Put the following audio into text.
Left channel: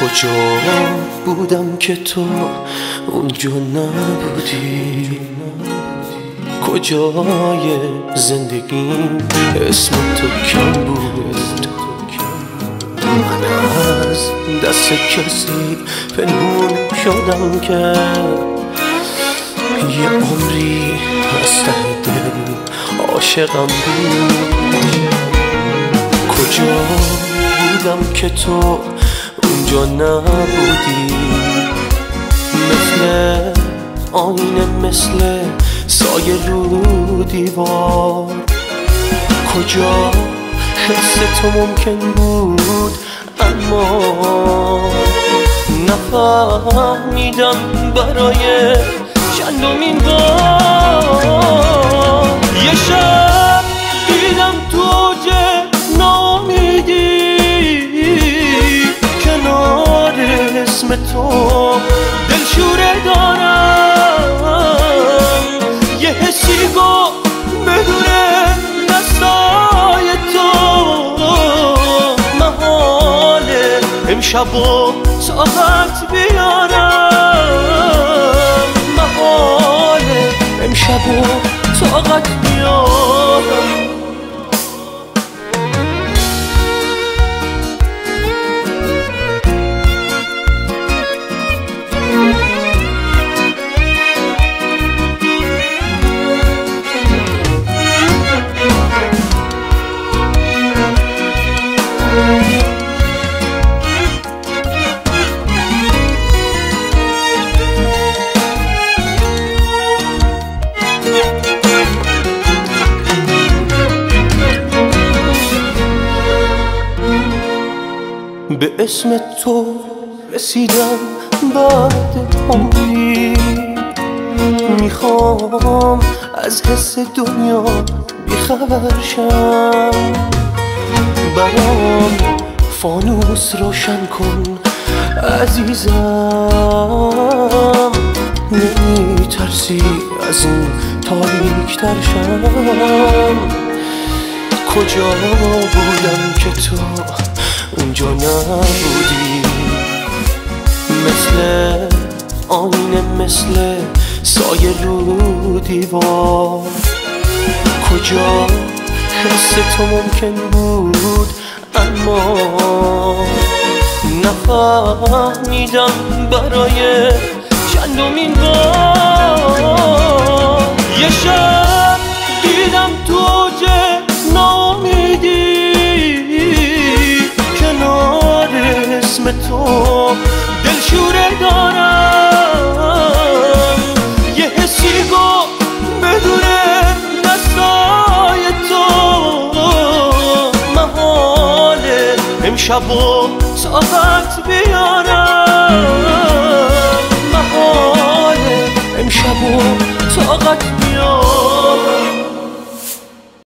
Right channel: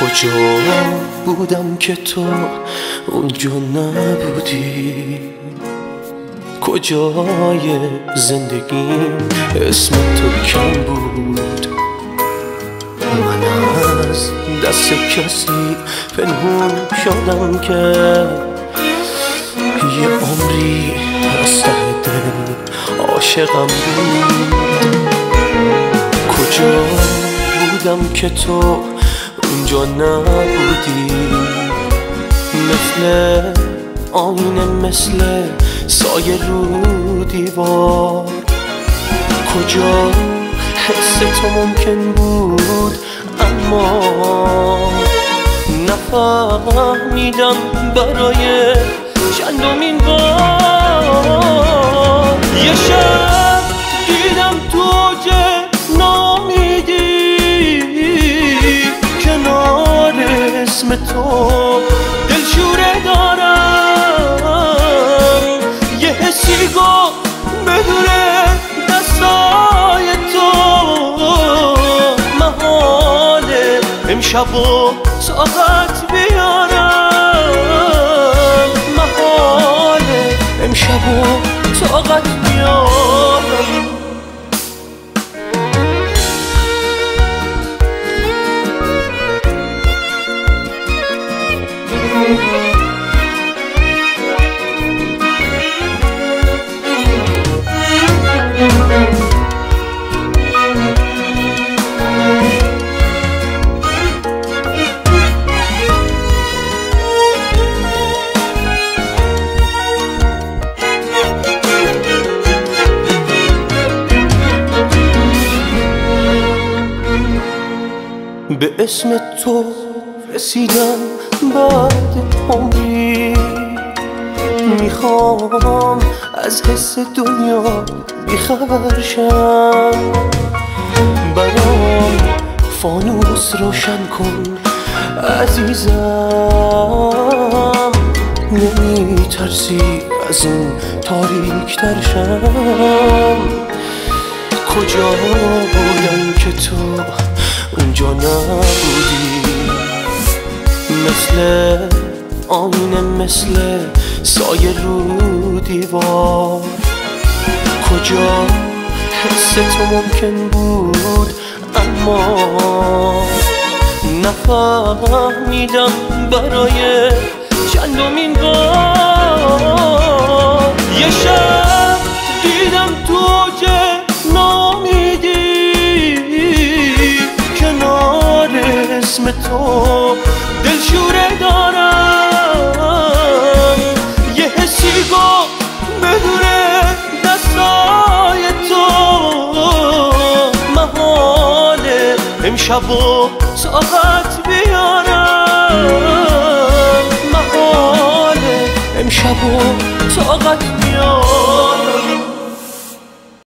کجا بودم که تو اونجا نبودی؟ کجای زندگیم اسم تو کم بود؟ من از دست کسی پنهون شدم که یه عمری از ته دل عاشقم بود. کجا بودم که تو اونجا نبودی؟ مثل آینه، مثل سایه رو دیوار. کجا حس تو ممکن بود اما نفهمیدم برای چندمین بار. یه شب دیدم تو اوج نامیدی، کنار اسم تو دلشوره دارم. یه حسی گفت بدون دستای تو محاله امشب و طاقت بیارم، محاله امشب و طاقت بیارم. به اسم تو رسیدم بعد عمری، میخوام از حس دنیا بیخبر شم. برام فانوس روشن کن عزیزم، نمیترسی از این تاریک تر شم؟ کجا بودم که تو اونجا نبودی؟ مثل آینه، مثل سایه رو دیوار. کجا حس تو ممکن بود اما نفهمیدم برای چندمین بار. یه شب دیدم تو اوج نامیدی، کنار اسم تو دلشوره دارم. یه حسی گفت بدون دستای تو محاله امشب و طاقت بیارم، محاله امشب و طاقت بیارم.